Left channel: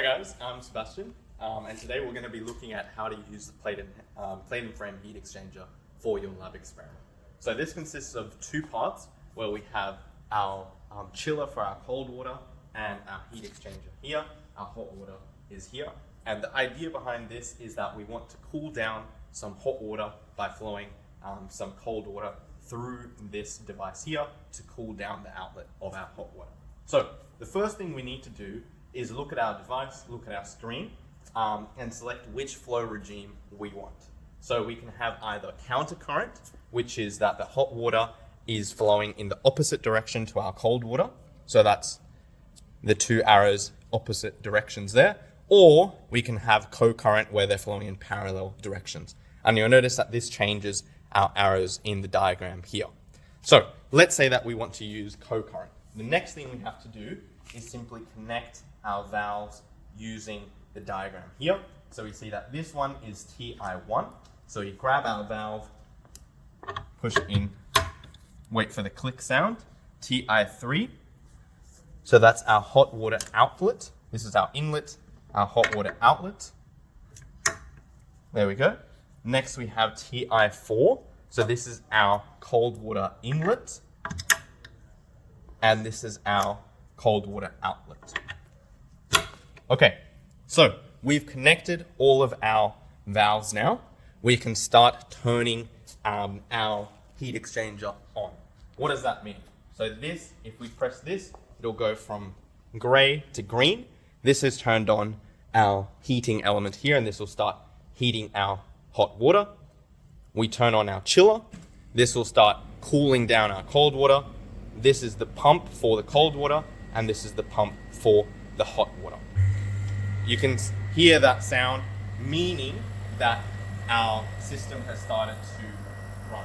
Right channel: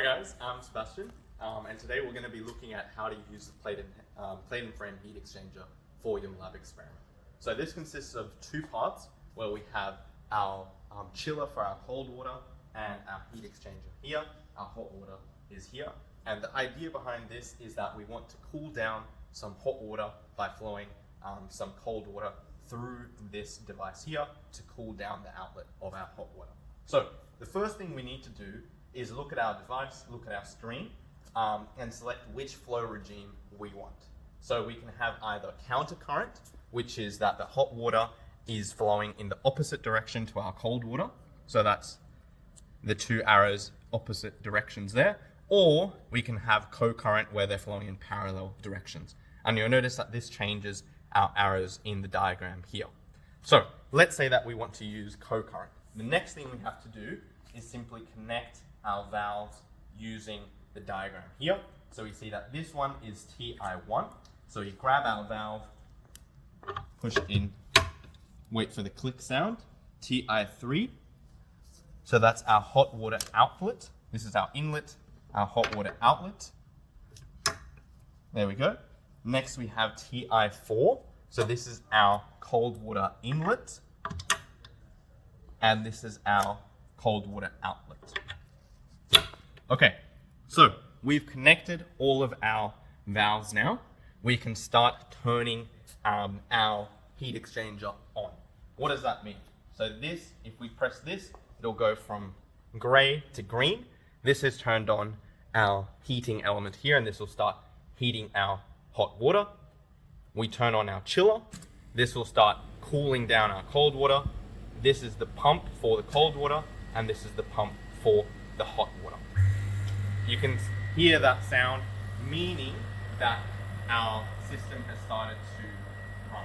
Hi guys, I'm Sebastian, and today we're going to be looking at how to use the plate and frame heat exchanger for your lab experiment. So this consists of two parts where we have our chiller for our cold water and our heat exchanger here. Our hot water is here, and the idea behind this is that we want to cool down some hot water by flowing some cold water through this device here to cool down the outlet of our hot water. So the first thing we need to do is look at our device, look at our screen, and select which flow regime we want. So we can have either counter current, which is that the hot water is flowing in the opposite direction to our cold water. So that's the two arrows opposite directions there. Or we can have co-current where they're flowing in parallel directions. And you'll notice that this changes our arrows in the diagram here. So let's say that we want to use co-current. The next thing we have to do is simply connect our valves using the diagram here. So we see that this one is TI1. So you grab our valve, push it in, wait for the click sound, TI3. So that's our hot water outlet. This is our inlet, our hot water outlet. There we go. Next we have TI4. So this is our cold water inlet. And this is our cold water outlet. Okay, so we've connected all of our valves now. We can start turning our heat exchanger on. What does that mean? So this, if we press this, it'll go from gray to green. This has turned on our heating element here, and this will start heating our hot water. We turn on our chiller. This will start cooling down our cold water. This is the pump for the cold water, and this is the pump for the hot water. You can hear that sound, meaning that our system has started to run.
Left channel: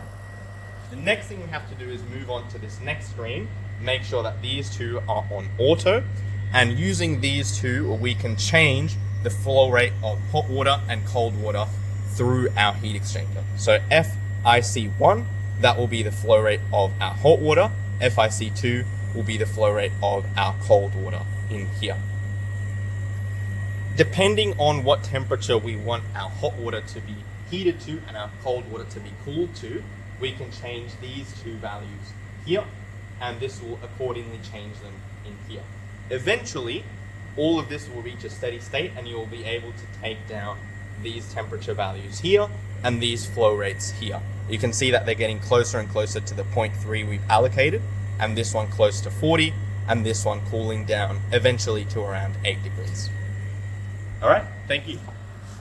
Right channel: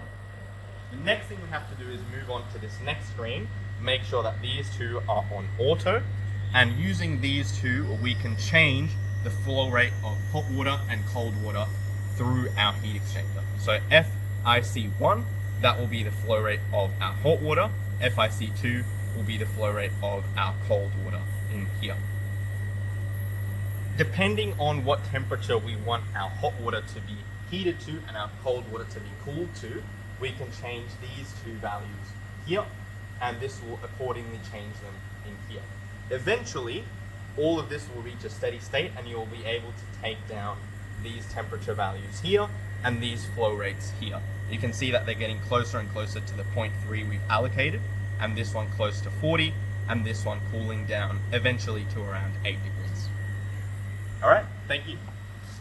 The next thing we have to do is move on to this next screen, make sure that these two are on auto, and using these two, we can change the flow rate of hot water and cold water through our heat exchanger. So FIC1, that will be the flow rate of our hot water. FIC2 will be the flow rate of our cold water in here. Depending on what temperature we want our hot water to be heated to and our cold water to be cooled to, we can change these two values here, and this will accordingly change them in here. Eventually, all of this will reach a steady state, and you'll be able to take down these temperature values here and these flow rates here. You can see that they're getting closer and closer to the 0.3 we've allocated, and this one close to 40, and this one cooling down eventually to around 8 degrees. All right, thank you.